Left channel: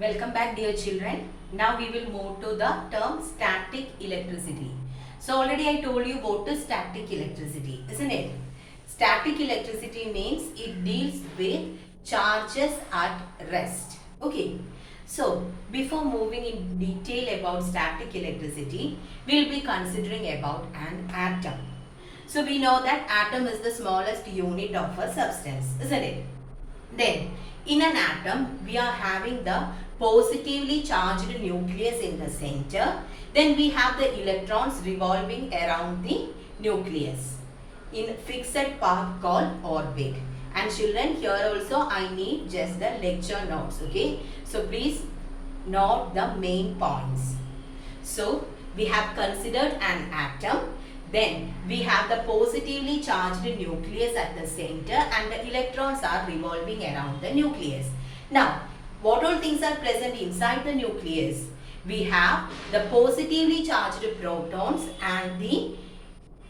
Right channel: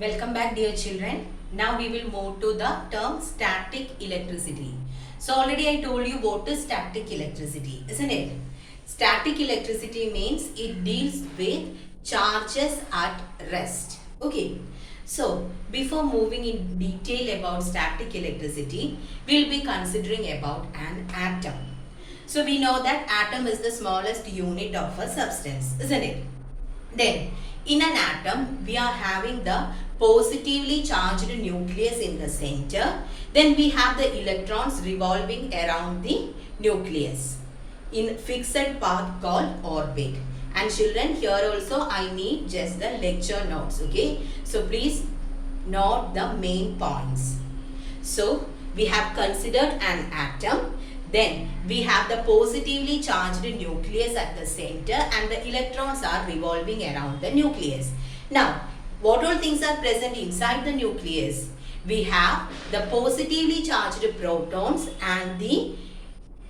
Welcome back, dear children. Now we will move to the term static electricity. So already I told you what is static electricity, isn't it? Static electricity means it deals with charges at rest. Okay. So before moving in detail about static electricity, we will be considering about an atom. So we know that atom is the smallest unit of a substance, isn't it? Then, in an atom, we are having the positively charged nucleus in the center. Then we have the electrons revolving around the nucleus in fixed path called orbit. And children, here also I need just the lecture notes, okay? So please note the main points. So we have considered an atom. Then we have the positively charged nucleus at the center and the electrons are revolving around the nucleus. Now, what all things are present inside the nucleus? We have the positively charged protons and the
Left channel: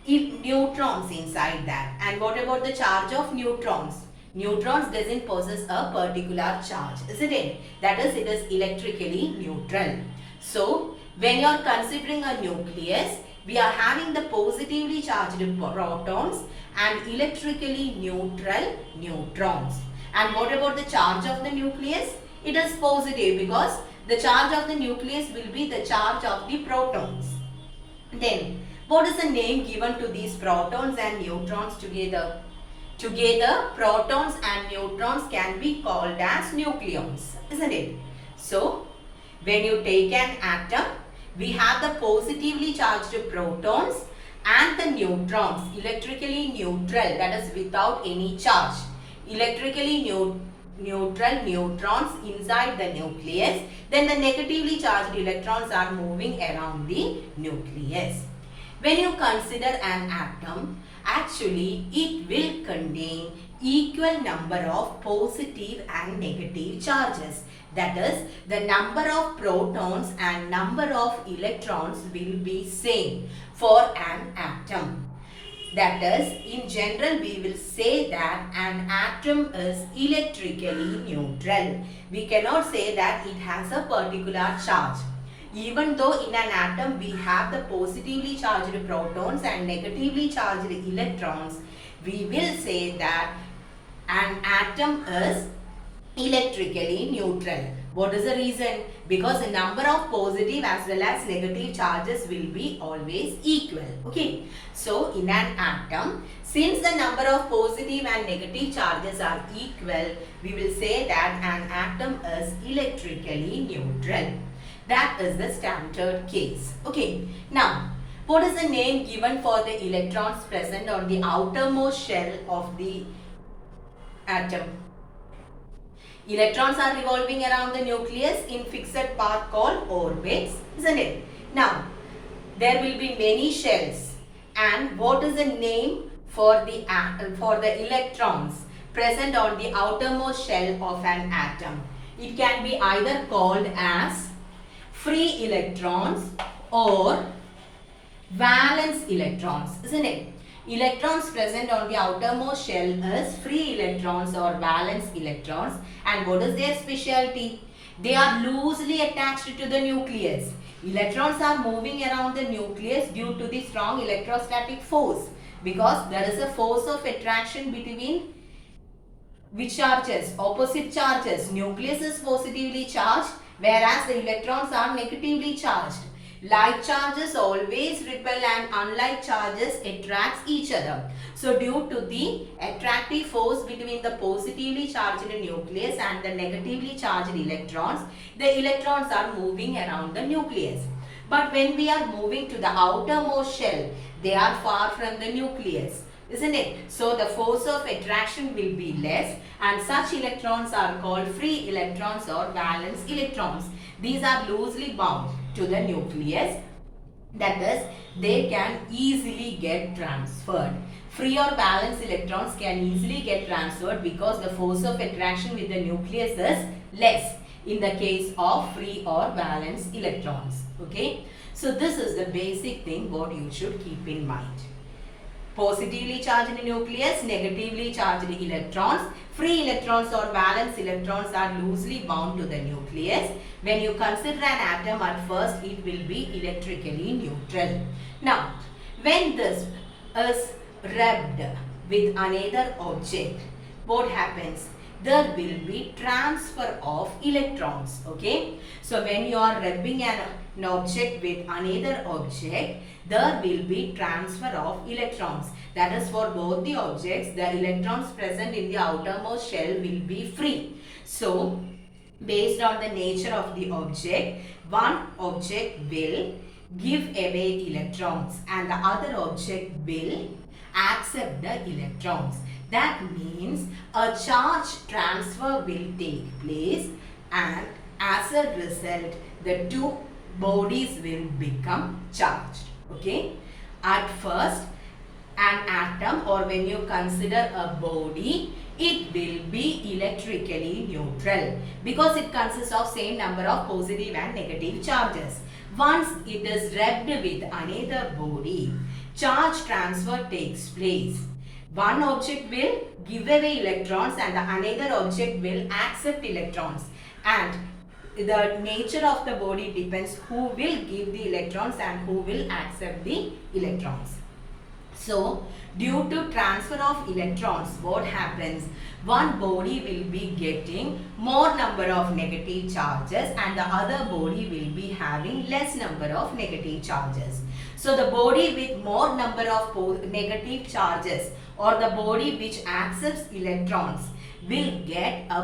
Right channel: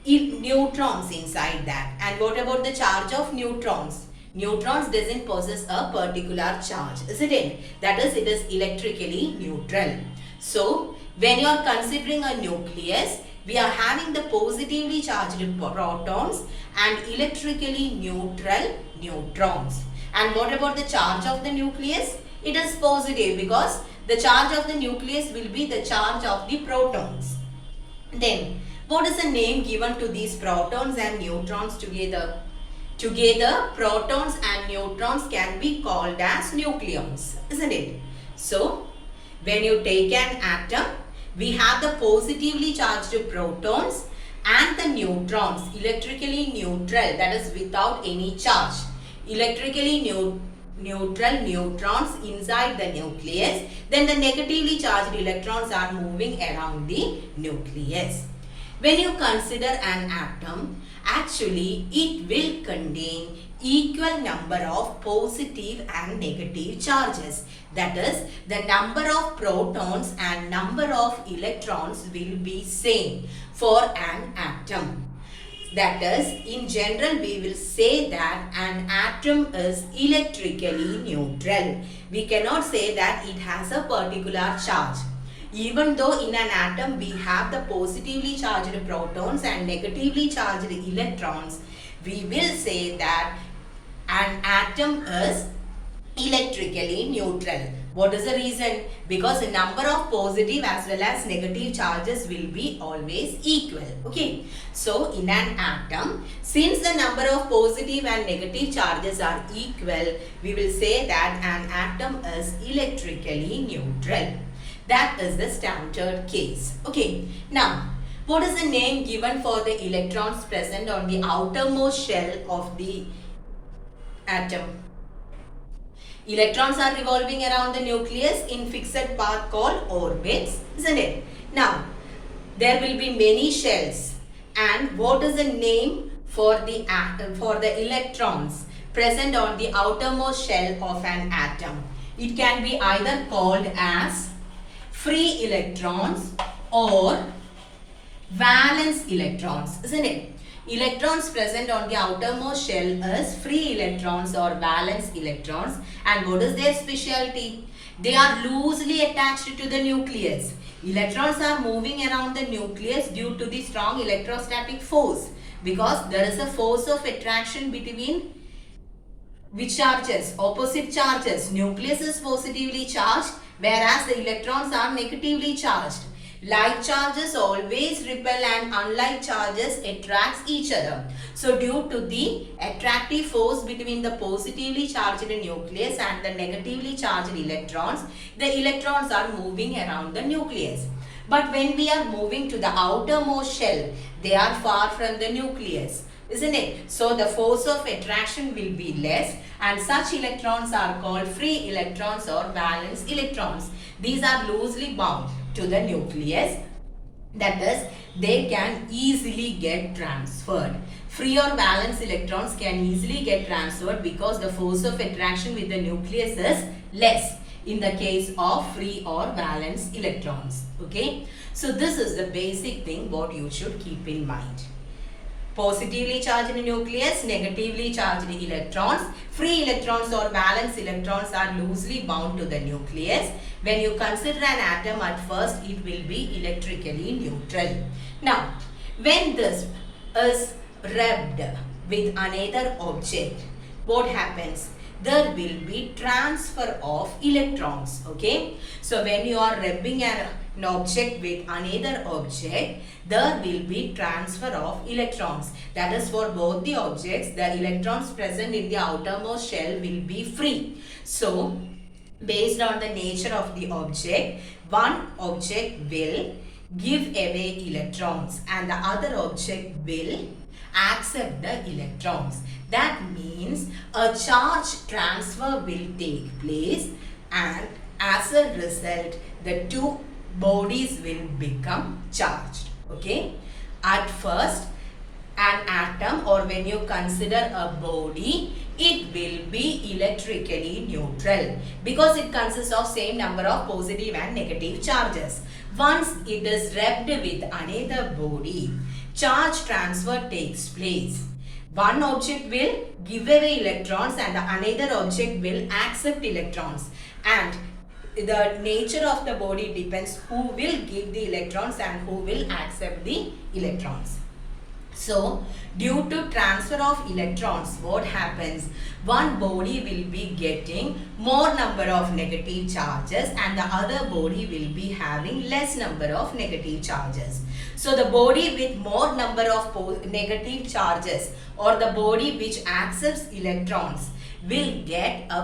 neutrons inside that. And what about the charge of neutrons? Neutrons doesn't possess a particular charge, isn't it? That is, it is electrically neutral. So, when you are considering a nucleus, we are having the positively charged protons and electrically neutral neutrons. And what about the charge of the nucleus? It is positive because the charge of the nucleus will be the charge of the protons. Then, what is the name given to these protons and neutrons together? Together, protons and neutrons can be called as nucleons, isn't it? So, when you take an atom, we have the positively charged protons and the neutrons, electrically neutral, that is without any charge. Electrically neutral neutrons inside the nucleus. Then the negatively charged electrons are moving around the nucleus. When you consider an atom, actually it will contain equal number of positive and negative charges. That is, the number of protons and number of electrons will be same for an atom. That is, in general, we will say that an atom is electrically neutral. We cannot say that it has a particular charge. Even though in an atom we have the positively charged protons and negatively charged electrons, we will say that an atom is electrically neutral. What is the reason? Because the number of positive as well as negative charges will be always equal. Okay. So, in an atom, since the number of positive and negative charges are equal, we will say that an atom is electrically neutral. That is the standard case. Okay. Now, what is the name given for the electrons present on the outermost shell of the atom? Electrons are revolving around the nucleus in fixed path called orbits, isn't it? Now, there will be many shells. And what is the name for the electrons present on the outermost shell of an atom? It can be either called as free electrons or valence electrons, isn't it? Electrons present on the outermost shell is free electrons or valence electrons. And what is their specialty? They are loosely attached to the nucleus. Electrons are moving around the nucleus due to the strong electrostatic force, because there is a force of attraction between which charges? Opposite charges. Nucleus is positively charged, whereas the electrons are negatively charged. Like charges always repel and unlike charges attracts each other. So due to the attractive force between the positively charged nucleus and the negatively charged electrons, the electrons are moving around the nucleus. But when we are moving to the outermost shell, they are far from the nucleus, isn't it? So the force of attraction will be less, and such electrons are called free electrons or valence electrons. These are loosely bound to the nucleus, that is, they can easily get transferred. Free or valence electrons can easily get transferred because the force of attraction with the nucleus is less in the case of free or valence electrons. Okay, so this is the basic thing what you should keep in mind. Positively charged nucleus, negatively charged electrons. Free electrons or valence electrons are loosely bound to the nucleus. When you consider an atom at first, it will be electrically neutral. Now, when this is rubbed with another object, what happens? There will be transfer of electrons. Okay, so when you are rubbing an object with another object, there will be transfer of electrons. That is, for both the objects, the electrons present in the outermost shell will be free. So based on the nature of the object, one object will give away electrons and the other object will accept the electrons. That means a charge transfer will take place, and as a result the two bodies will become charged. Okay, at first an atom, or when you consider a body, it will be electrically neutral because it consists of same number of positive and negative charges. Once it is rubbed with another body, charge transfer takes place. One object will give away electrons and the another object will accept electrons, and the nature of the body depends who will give the electrons and who will accept the electrons. So, due to transfer of electrons, what happens? One body will be getting more number of negative charges and the other body will be having less number of negative charges. So, the body with more number of negative charges, or the body which accepts electrons, will get a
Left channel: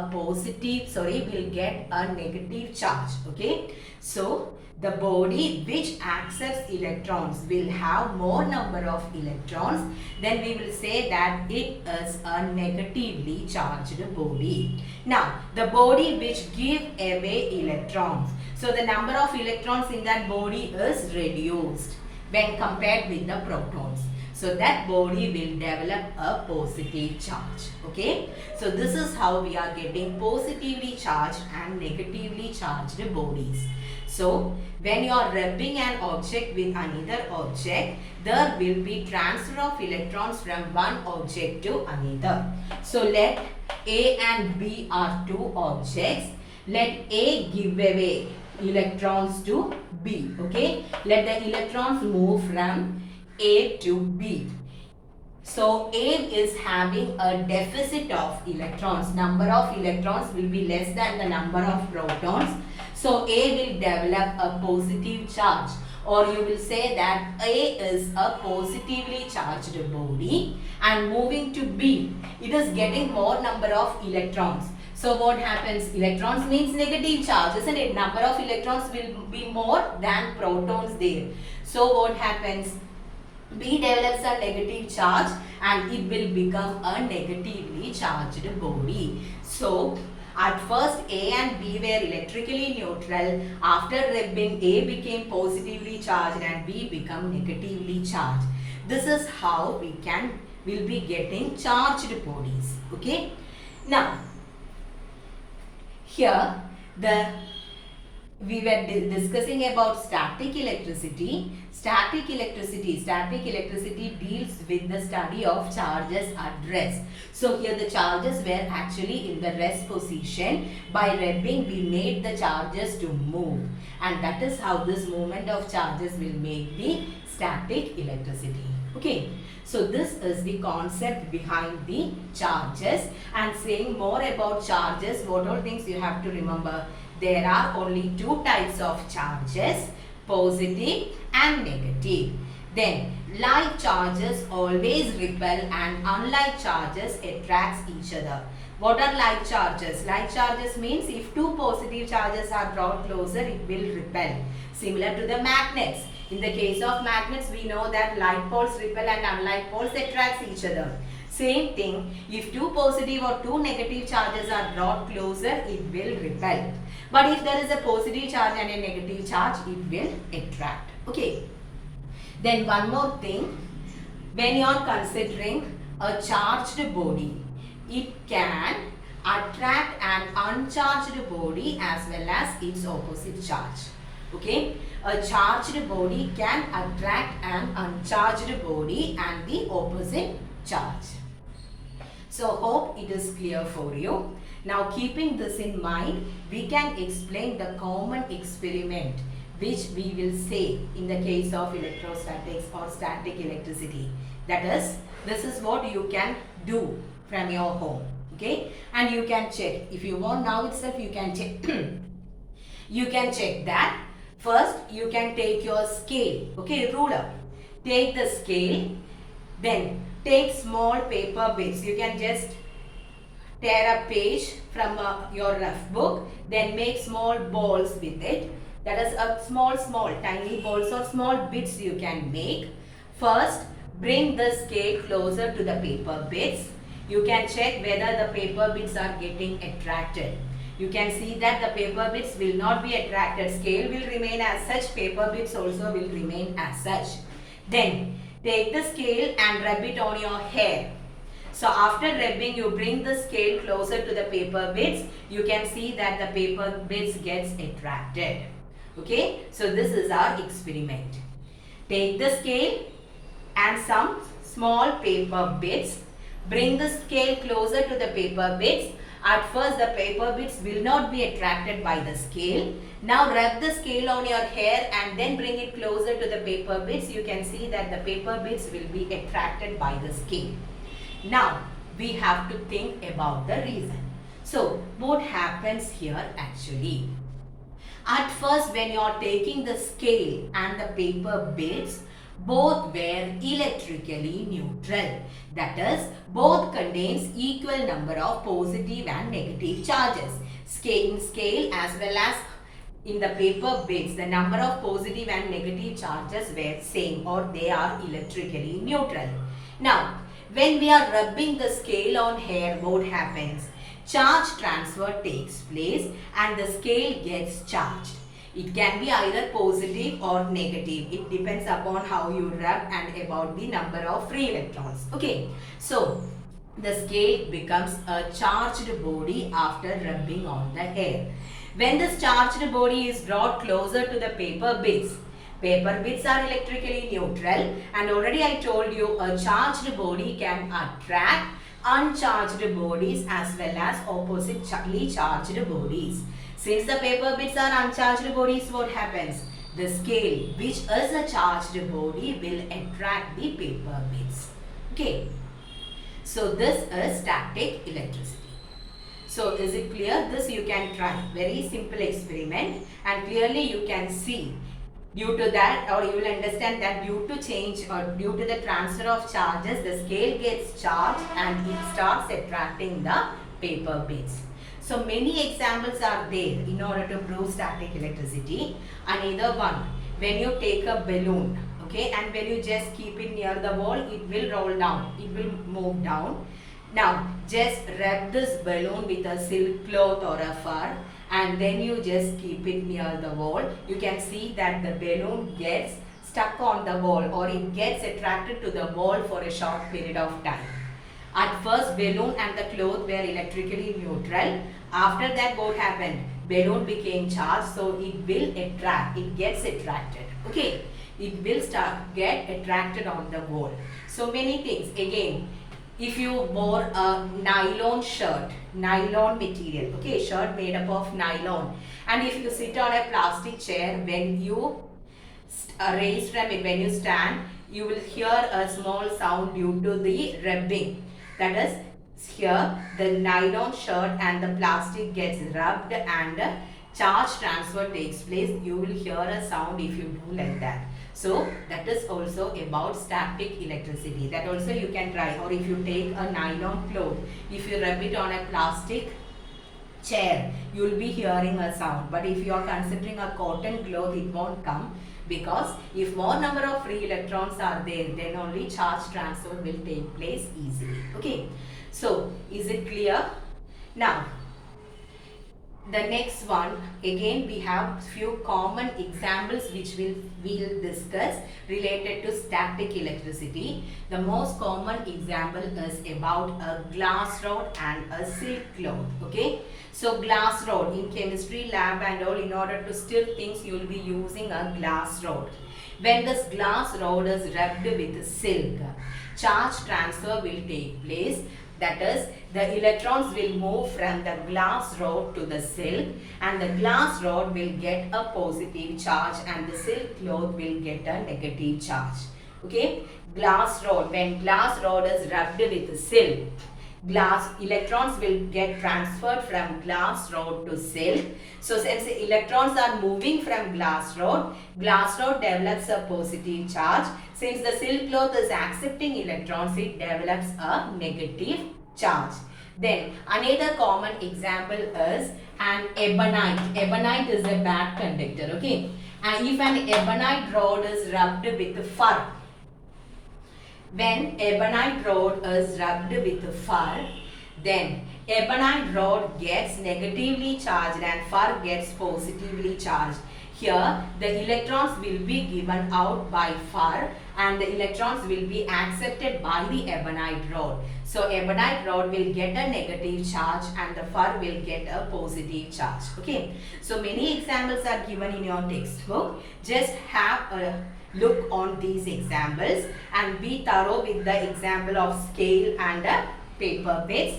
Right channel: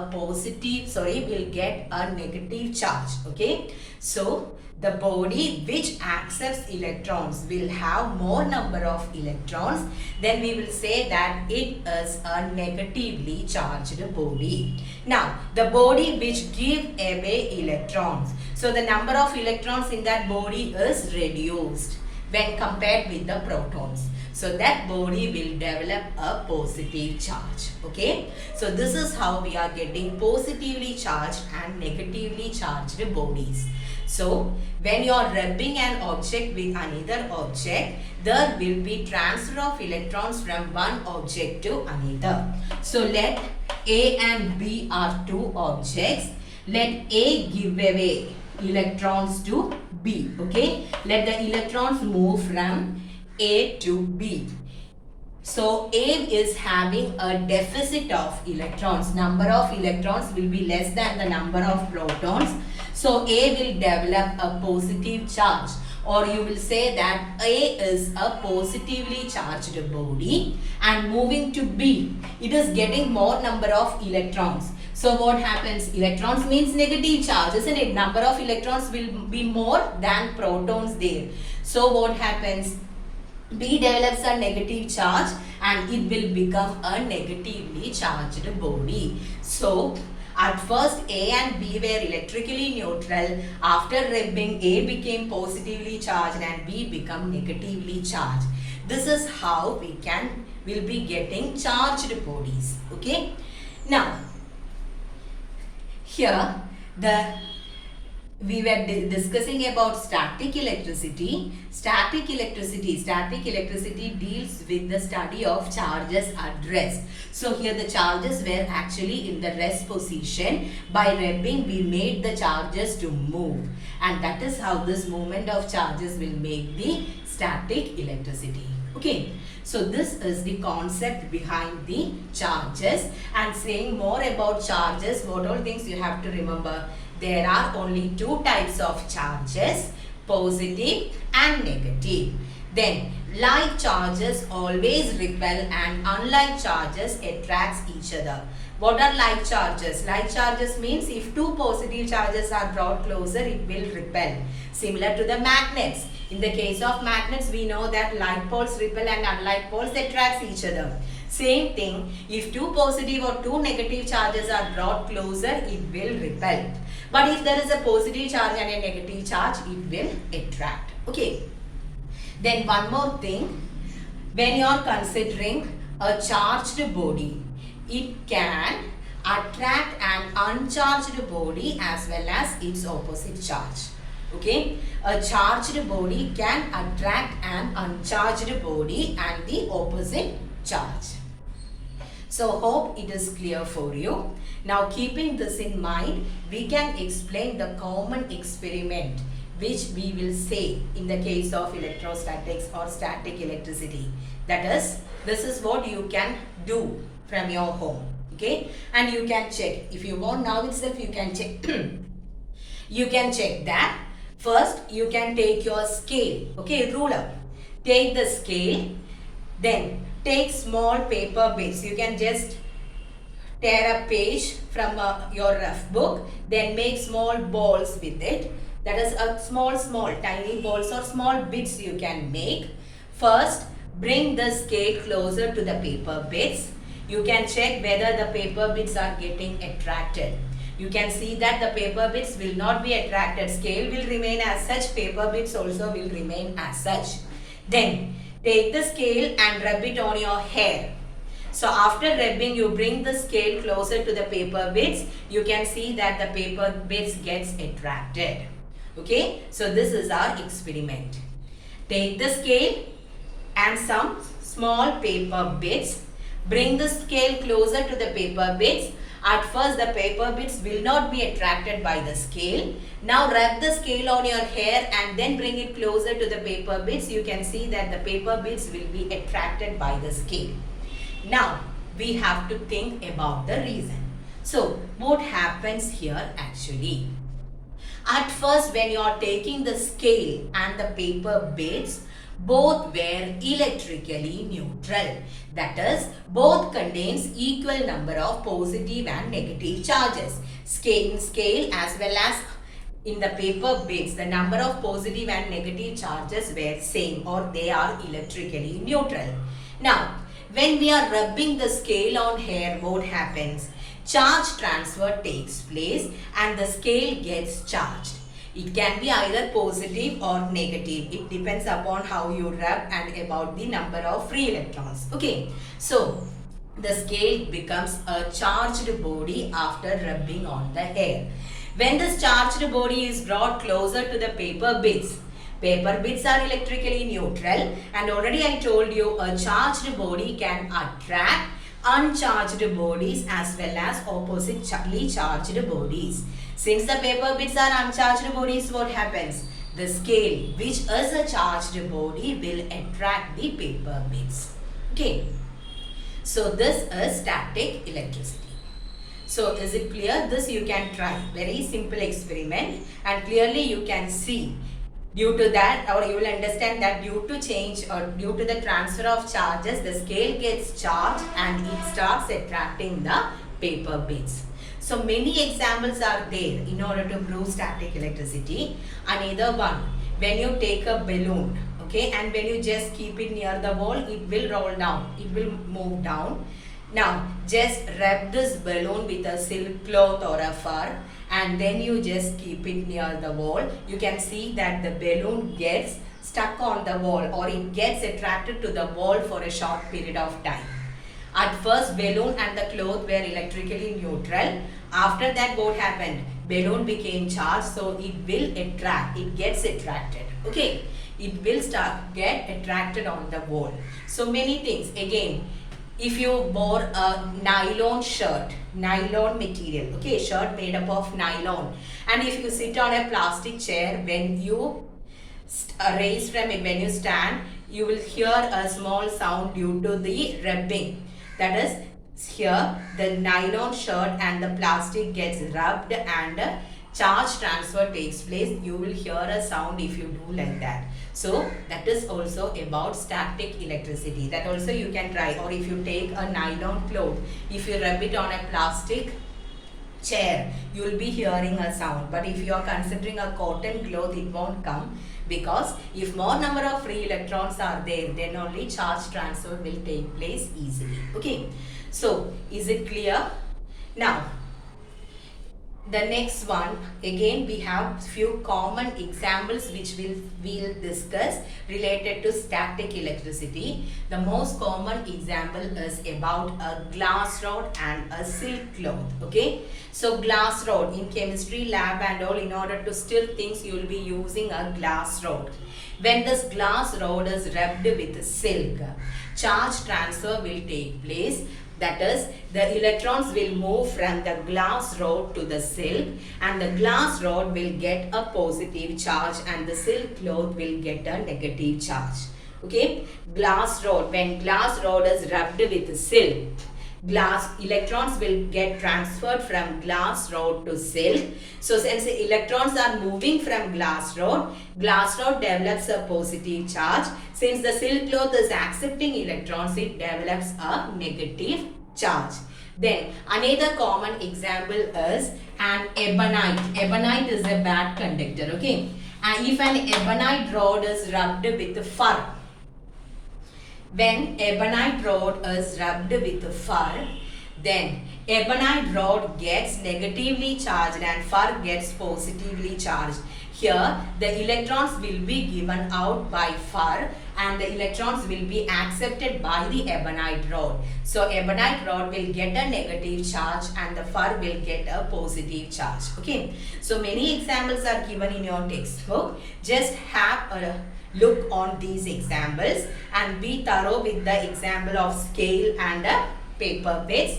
negative charge. Okay, so the body which accepts electrons will have more number of electrons, then we will say that it is a negatively charged body. Now, the body which give away electrons, so the number of electrons in that body is reduced when compared with the protons. So that body will develop a positive charge. Okay, so this is how we are getting positively charged and negatively charged bodies. So when you are rubbing an object with another object, there will be transfer of electrons from one object to another. So let A and B are two objects. Let A give away electrons to B. Okay, let the electrons move from A to B. So A is having a deficit of electrons. Number of electrons will be less than the number of protons. So A will develop a positive charge, or you will say that A is a positively charged body, and moving to B, it is getting more number of electrons. So what happens? Electrons means negative charge, isn't it? Number of electrons will be more than protons there. So what happens? B develops a negative charge and it will become a negatively charged body. So at first A and B were electrically neutral. After rubbing, A became positively charged and B become negatively charged. This is how we'll be getting charged bodies. Okay. Now here we were discussing about static electricity. Static electricity deals with the study of charges at rest. So here the charges were actually in the rest position. By rubbing, we made the charges to move, and that is how this movement of charges will make the static electricity. Okay, so this is the concept behind the charges. And saying more about charges, what all things you have to remember? There are only two types of charges, positive and negative. Then like charges always repel and unlike charges attracts each other. What are like charges? Like charges means if two positive charges are brought closer, it will repel. Similar to the magnets. In the case of magnets, we know that like poles repel and unlike poles attracts each other. Same thing, if two positive or two negative charges are brought closer, it will repel. But if there is a positive charge and a negative charge, it will attract. Okay. Then one more thing, when you are considering a charged body, it can attract an uncharged body as well as its opposite charge. Okay, a charged body can attract an uncharged body and the opposite charge. So hope it is clear for you. Now keeping this in mind, we can explain the common experiment which we will say in the case of electrostatics or static electricity. That is, this is what you can do from your home. Okay, and you can check. If you want now itself, you can check. You can check that. First, you can take your scale. Okay, ruler. Take the scale. Then take small paper bits. You can just tear a page from your rough book. Then make small balls with it. That is a small tiny balls or small bits you can make. First, bring the scale closer to the paper bits. You can check whether the paper bits are getting attracted. You can see that the paper bits will not be attracted. Scale will remain as such. Paper bits also will remain as such. Then take the scale and rub it on your hair. So after rubbing, you bring the scale closer to the paper bits. You can see that the paper bits gets attracted. Okay, so this is our experiment. Take the scale and some small paper bits. Bring the scale closer to the paper bits. At first, the paper bits will not be attracted by the scale. Now, rub the scale on your hair and then bring it closer to the paper bits. You can see that the paper bits will be attracted by the scale. Now, we have to think about the reason. So, what happens here actually? At first, when you are taking the scale and the paper bits, both were electrically neutral. That is, both contains equal number of positive and negative charges. Scale as well as in the paper bits, the number of positive and negative charges were same, or they are electrically neutral. Now, when we are rubbing the scale on hair, what happens? Charge transfer takes place and the scale gets charged. It can be either positive or negative. It depends upon how you rub and about the number of free electrons. Okay, so the scale becomes a charged body after rubbing on the hair. When this charged body is brought closer to the paper bits are electrically neutral, and already I told you a charged body can attract uncharged bodies as well as oppositely charged bodies. Since the paper bits are uncharged bodies, what happens? The scale, which is a charged body, will attract the paper bits. Okay. So this is static electricity. So is it clear? This you can try. Very simple experiment, and clearly you can see due to that, or you will understand that due to change or due to the transfer of charges, the scale gets charged and it starts attracting the paper bits. So many examples are there in order to prove static electricity. Another one, when you take a balloon, okay, and when you just keep it near the wall, it will roll down, it will move down. Now just wrap this balloon with a silk cloth or a fur, and then you just keep it near the wall. You can see that the balloon gets stuck on the wall, or it gets attracted to the wall for a short period of time. At first, balloon and the cloth were electrically neutral. After that, what happened? Balloon became charged, so it will attract, it gets attracted. Okay, it will get attracted on the wall. So many things. Again, if you wore a nylon shirt, nylon material, okay, shirt made up of nylon, and if you sit on a plastic chair, when you raise from it, when you stand, you will hear a small sound due to the rubbing. That is, here the nylon shirt and the plastic gets rubbed and charge transfer takes place. You will hear a sound if you do like that. So that is also about static electricity. That also you can try. Or if you take a nylon cloth, if you rub it on a plastic chair, you will be hearing a sound. But if you are considering a cotton cloth, it won't come, because if more number of free electrons are there, then only charge transfer will take place easily. Okay, so is it clear? Now The next one, again we have few common examples which we'll discuss related to static electricity. The most common example is about a glass rod and a silk cloth. Okay, so glass rod in chemistry lab and all, in order to stir things you will be using a glass rod. When this glass rod is rubbed with silk, charge transfer will take place. That is, the electrons will move from the glass rod to the silk, and the glass rod will get a positive charge and the silk cloth will get a negative charge. Okay, glass rod, when glass rod is rubbed with silk, glass electrons will get transferred from glass rod to silk. So since the electrons are moving from glass rod develops a positive charge. Since the silk cloth is accepting electrons, it develops a negative charge. Then another common example is an ebonite. Ebonite is a bad conductor. Okay, and if an ebonite rod is rubbed with fur, when ebonite rod is rubbed with fur, then ebonite rod gets negatively charged and fur gets positively charged. Here the electrons will be given out by fur and the electrons will be accepted by the ebonite rod. So ebonite rod will get a negative charge and the fur will get a positive charge. Okay, so many examples are given in your textbook. Just have a look on these examples and be thorough with the example of scale and paper bits,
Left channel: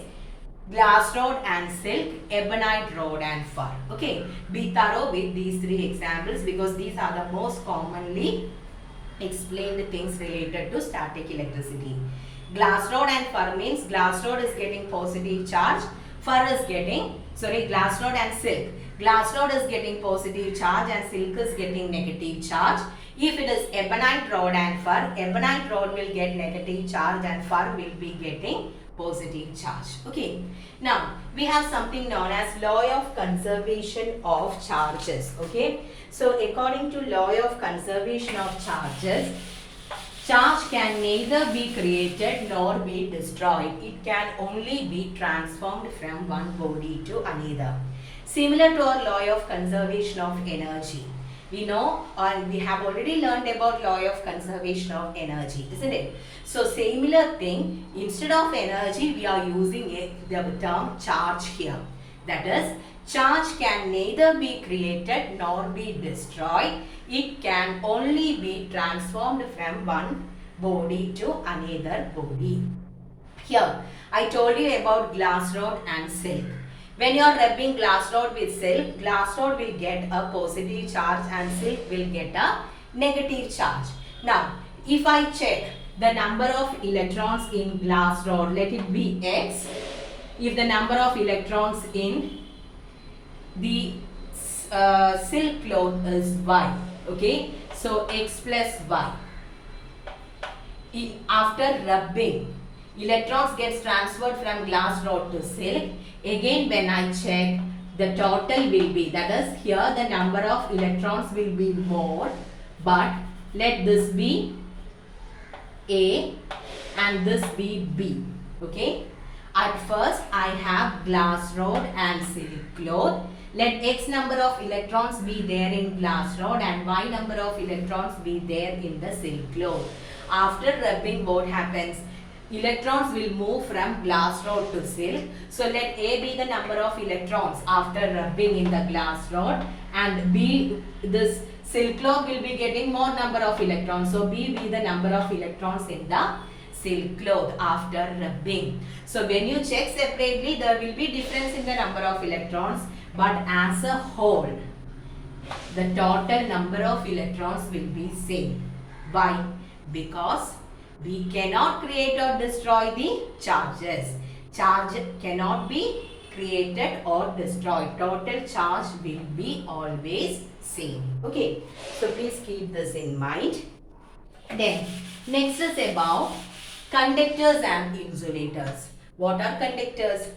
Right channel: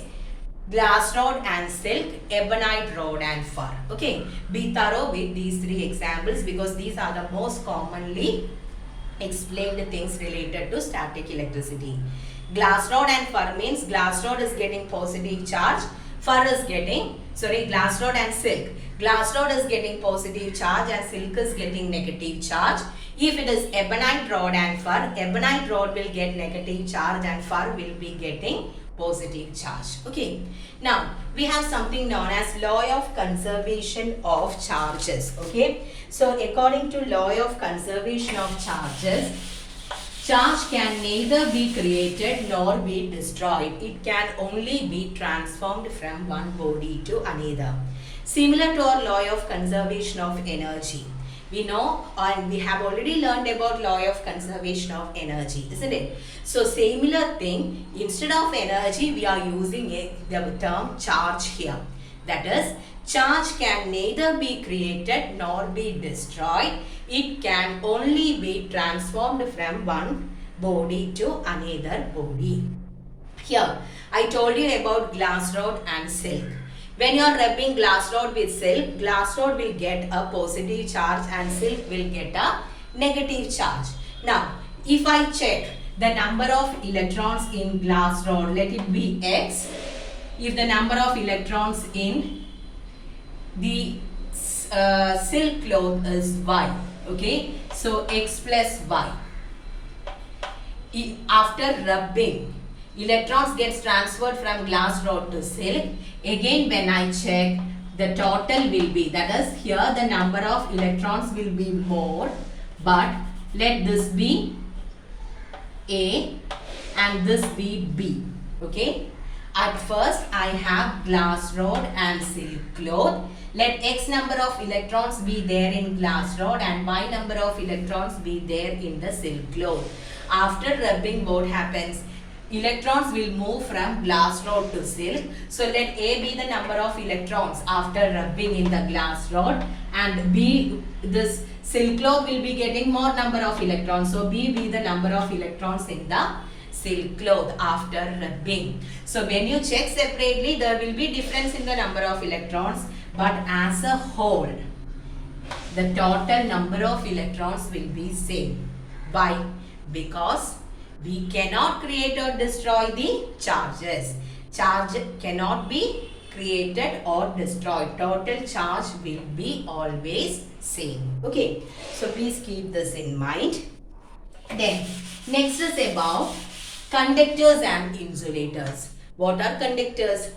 glass rod and silk, ebonite rod and fur. Okay, be thorough with these three examples because these are the most commonly explained things related to static electricity. Glass rod and fur means glass rod is getting positive charge, fur is getting, glass rod and silk. Glass rod is getting positive charge and silk is getting negative charge. If it is ebonite rod and fur, ebonite rod will get negative charge and fur will be getting positive charge. Okay, now we have something known as law of conservation of charges. Okay, so according to law of conservation of charges, charge can neither be created nor be destroyed. It can only be transformed from one body to another. Similar to our law of conservation of energy. We know and we have already learned about law of conservation of energy, isn't it? So similar thing, instead of energy we are using the term charge here. That is, charge can neither be created nor be destroyed. It can only be transformed from one body to another body. Here, I told you about glass rod and silk. When you are rubbing glass rod with silk, glass rod will get a positive charge and silk will get a negative charge. Now, if I check the number of electrons in glass rod, let it be X. If the number of electrons in the silk cloth is Y, okay, so X plus Y. After rubbing, electrons gets transferred from glass rod to silk. Again, when I check, the total will be, that is, here the number of electrons will be more, but let this be A and this be B. Okay, at first I have glass rod and silk cloth. Let X number of electrons be there in glass rod and Y number of electrons be there in the silk cloth. After rubbing, what happens? Electrons will move from glass rod to silk. So let A be the number of electrons after rubbing in the glass rod, and B, this silk cloth will be getting more number of electrons. So B be the number of electrons in the silk cloth after rubbing. So when you check separately, there will be difference in the number of electrons, but as a whole, the total number of electrons will be same. Why? Because we cannot create or destroy the charges. Charge cannot be created or destroyed. Total charge will be always same. Okay, so please keep this in mind. Then next is about conductors and insulators. What are conductors?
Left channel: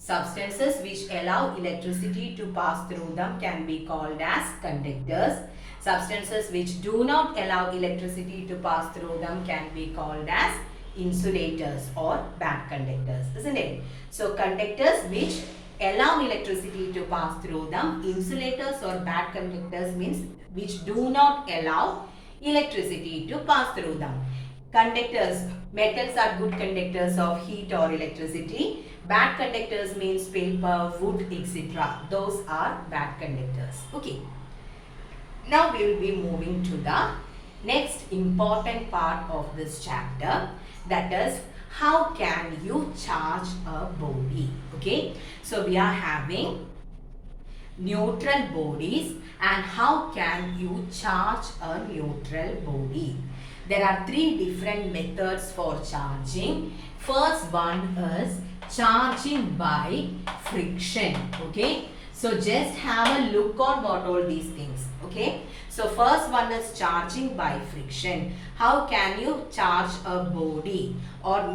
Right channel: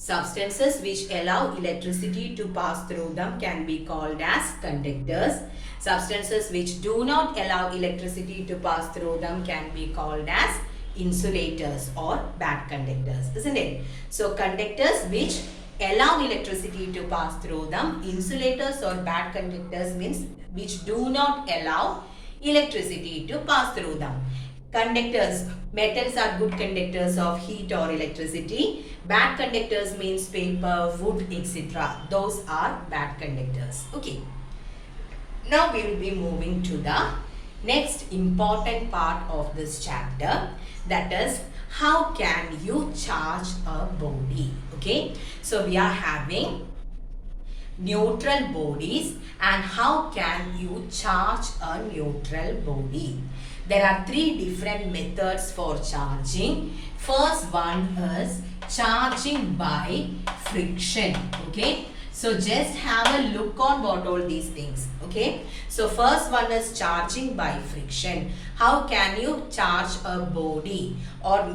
Substances which allow electricity to pass through them can be called as conductors. Substances which do not allow electricity to pass through them can be called as insulators or bad conductors, isn't it? So conductors which allow electricity to pass through them. Insulators or bad conductors means which do not allow electricity to pass through them. Conductors, metals are good conductors of heat or electricity. Bad conductors means paper, wood, etc. Those are bad conductors. Okay. Now we will be moving to the next important part of this chapter, that is how can you charge a body. Okay. So we are having neutral bodies and how can you charge a neutral body. There are three different methods for charging. First one is charging by friction. Okay. So just have a look on what all these things. Okay. So first one is charging by friction. How can you charge a body or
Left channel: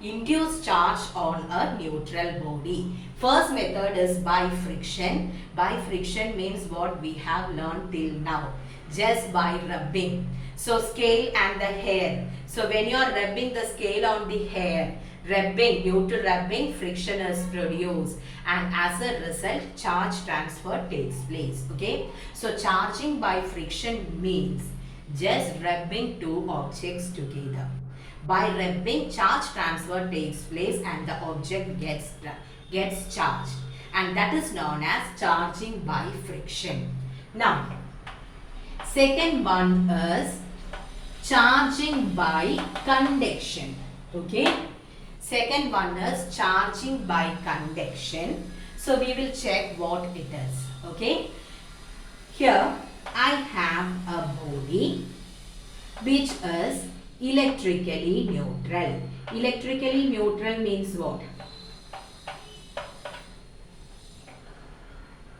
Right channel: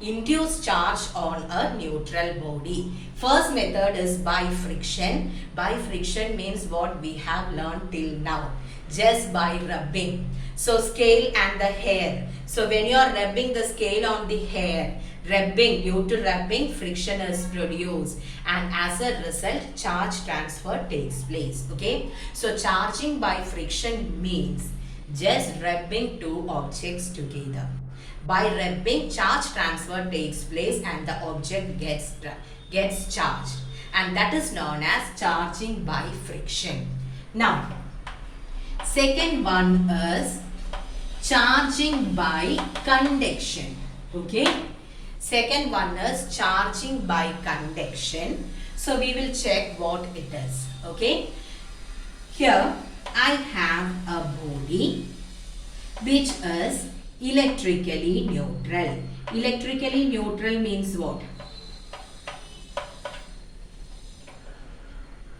induce charge on a neutral body? First method is by friction. By friction means what we have learned till now. Just by rubbing. So scale and the hair. So when you are rubbing the scale on the hair, due to rubbing, friction is produced and as a result charge transfer takes place. Okay. So charging by friction means just rubbing two objects together. By rubbing, charge transfer takes place and the object gets charged, and that is known as charging by friction. Now, second one is charging by conduction. Okay. Second one is charging by conduction. So we will check what it is. Okay. Here I have a body which is electrically neutral. Electrically neutral means what?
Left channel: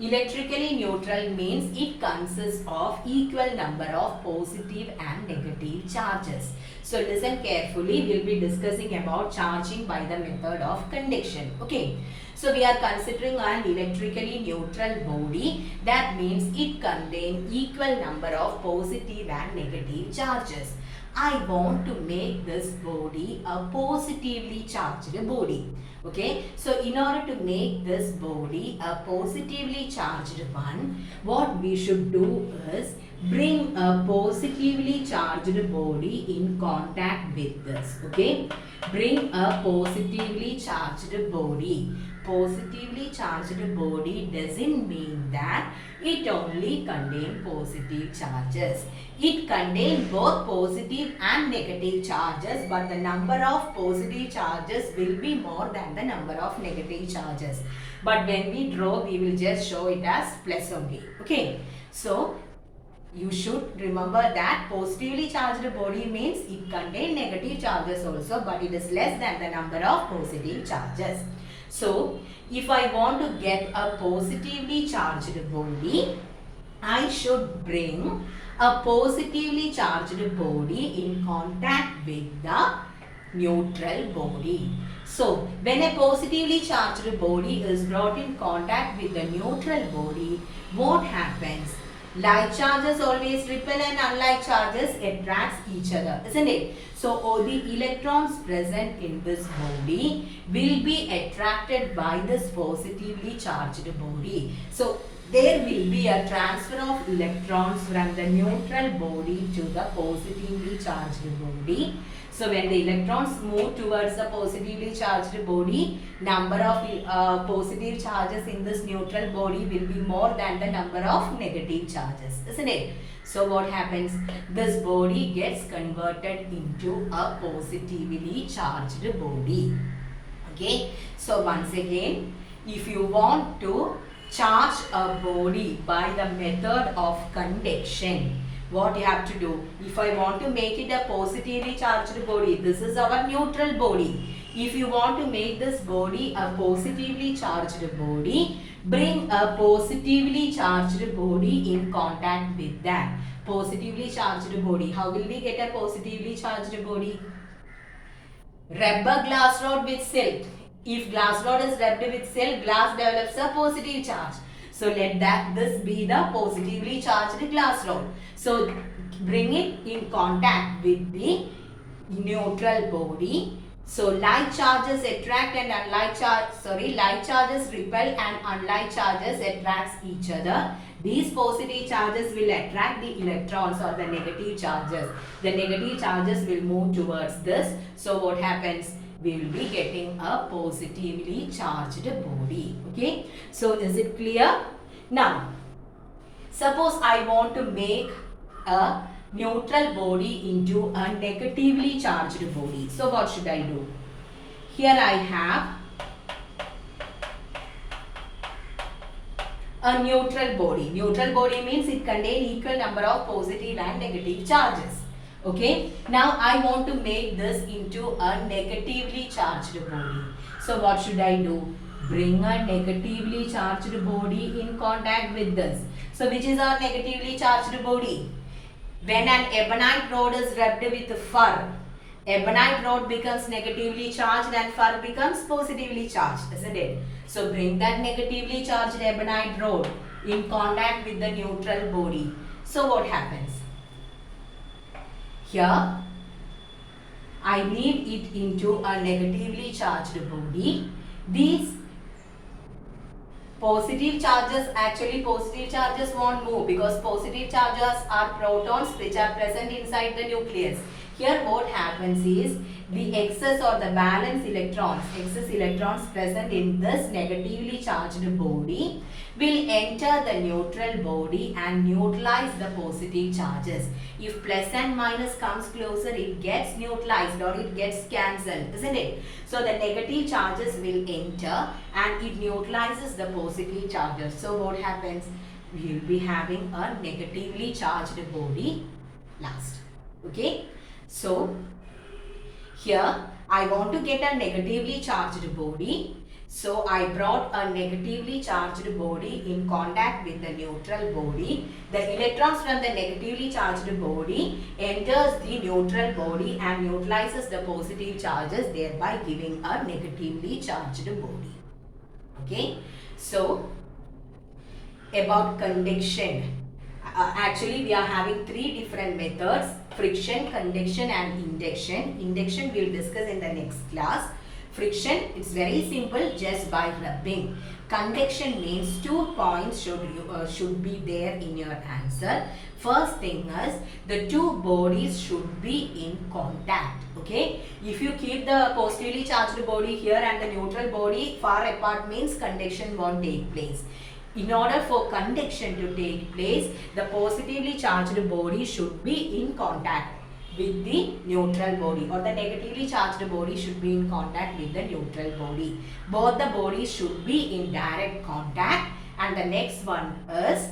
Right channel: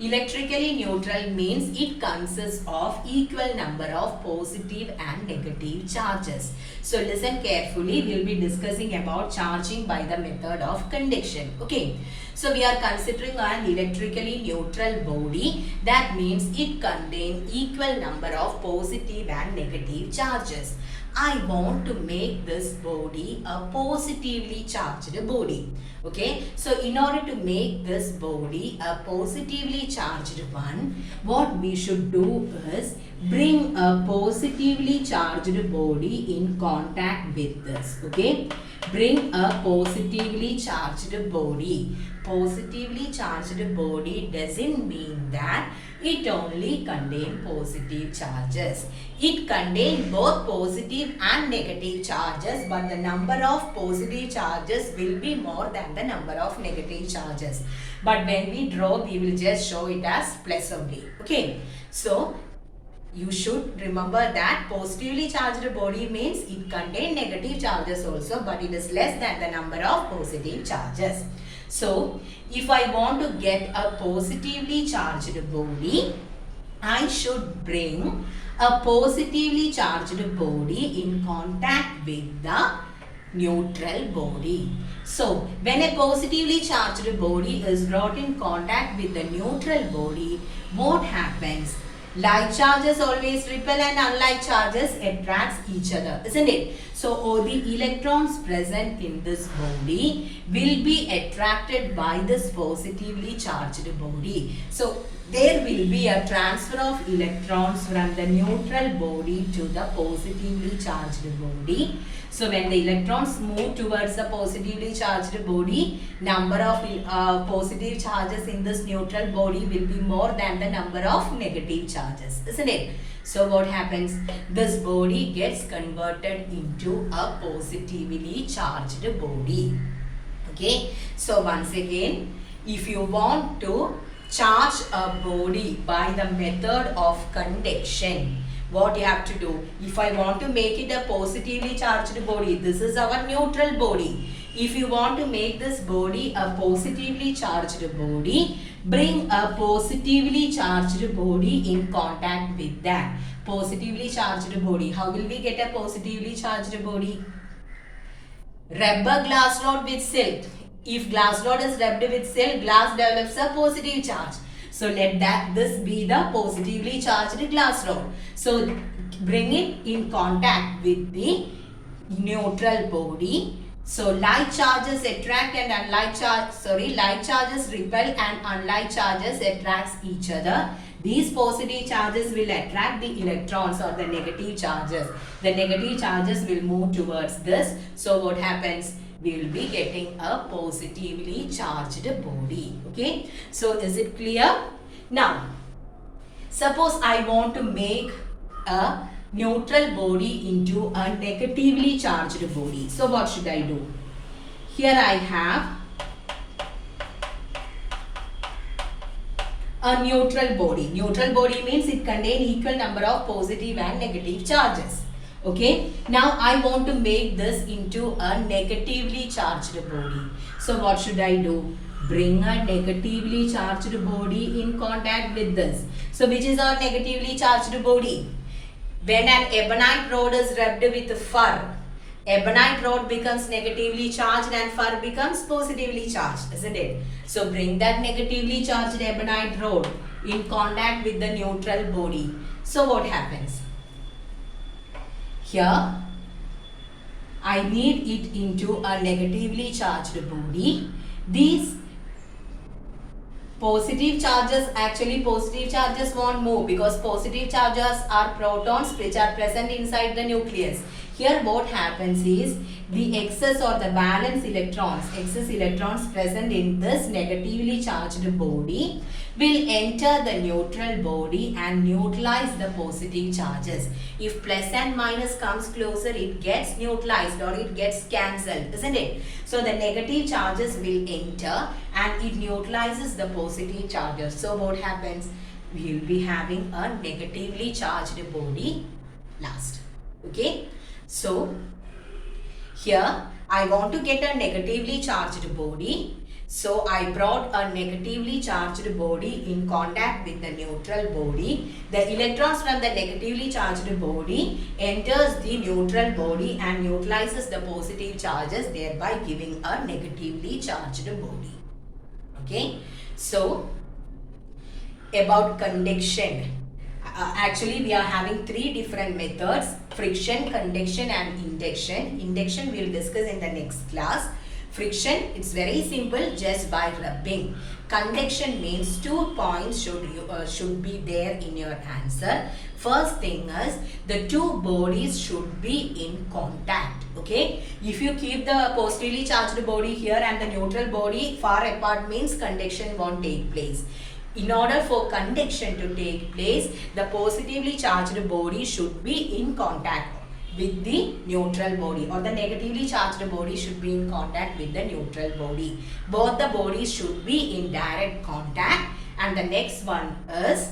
Electrically neutral means it consists of equal number of positive and negative charges. So listen carefully, we will be discussing about charging by the method of conduction. Okay. So we are considering an electrically neutral body. That means it contains equal number of positive and negative charges. I want to make this body a positively charged body. Okay. So in order to make this body a positively charged one, what we should do is bring a positively charged body in contact with this. Okay. Bring a positively charged body. Positively charged body doesn't mean that it only contains positive charges. It contains both positive and negative charges, but the number of positive charges will be more than the number of negative charges. But when we draw, we will just show it as plus only. Okay. So you should remember that positively charged body means it contains negative charges also, but it is less than the number of positive charges. So if I want to get a positively charged body, I should bring a positively charged body in contact with the neutral body. So when a positively charged body is brought in contact with the neutral body, what happens? Like charges always repel and unlike charges attracts each other, isn't it? So all the electrons present in this body will be attracted by this positively charged body. So there will be a transfer of electrons from the neutral body to the positively charged body. So when the electrons move towards the positively charged body, number of positive charges in this neutral body will be more than the number of negative charges, isn't it? So what happens? This body gets converted into a positively charged body. Okay. So once again, if you want to charge a body by the method of conduction, what you have to do? If I want to make it a positively charged body, this is our neutral body. If you want to make this body a positively charged body, bring a positively charged body in contact with that positively charged body. How will we get a positively charged body? Rub a glass rod with silk. If glass rod is rubbed with silk, glass develops a positive charge. So let this be the positively charged glass rod. So bring it in contact with the neutral body. So like charges attract and like charges repel and unlike charges attracts each other. These positive charges will attract the electrons or the negative charges. The negative charges will move towards this. So what happens? We will be getting a positively charged body. Okay. So is it clear? Now, suppose I want to make a neutral body into a negatively charged body. So what should I do? Here I have a neutral body. Neutral body means it contains equal number of positive and negative charges. Okay. Now I want to make this into a negatively charged body. So what should I do? Bring a negatively charged body in contact with this. So which is our negatively charged body? When an ebonite rod is rubbed with fur, ebonite rod becomes negatively charged and fur becomes positively charged, isn't it? So bring that negatively charged ebonite rod in contact with the neutral body. So what happens? Here, I need it into a negatively charged body. These positive charges won't move because positive charges are protons which are present inside the nucleus. Here what happens is the excess or the valence electrons present in this negatively charged body will enter the neutral body and neutralize the positive charges. If plus and minus comes closer, it gets neutralized or it gets cancelled, isn't it? So the negative charges will enter and it neutralizes the positive charges. So what happens? We will be having a negatively charged body last. Okay. So here I want to get a negatively charged body. So I brought a negatively charged body in contact with the neutral body. The electrons from the negatively charged body enters the neutral body and neutralizes the positive charges, thereby giving a negatively charged body. Okay. So about conduction. Actually, we are having three different methods: friction, conduction and induction. Induction we will discuss in the next class. Friction, it's very simple, just by rubbing. Conduction means 2 points should be there in your answer. First thing is the two bodies should be in contact. Okay, if you keep the positively charged body here and the neutral body far apart means conduction won't take place. In order for conduction to take place, the positively charged body should be in contact with the neutral body, or the negatively charged body should be in contact with the neutral body. Both the bodies should be in direct contact. And the next one is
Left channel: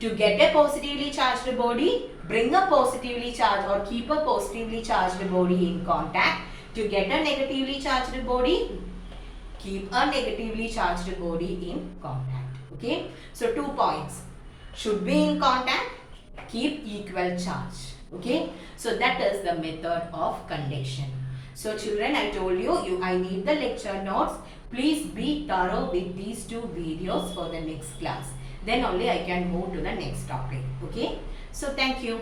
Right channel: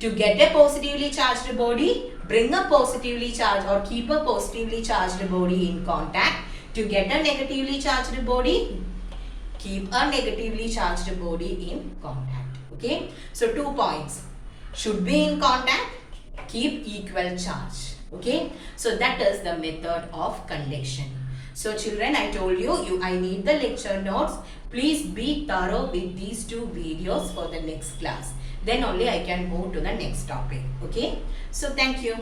to get a positively charged body, bring a positively charged or keep a positively charged body in contact. To get a negatively charged body, keep a negatively charged body in contact. Okay, so 2 points should be in contact, keep equal charge. Okay, so that is the method of conduction. So children, I told you, I need the lecture notes. Please be thorough with these 2 videos for the next class. Then only I can move to the next topic. Okay, so thank you.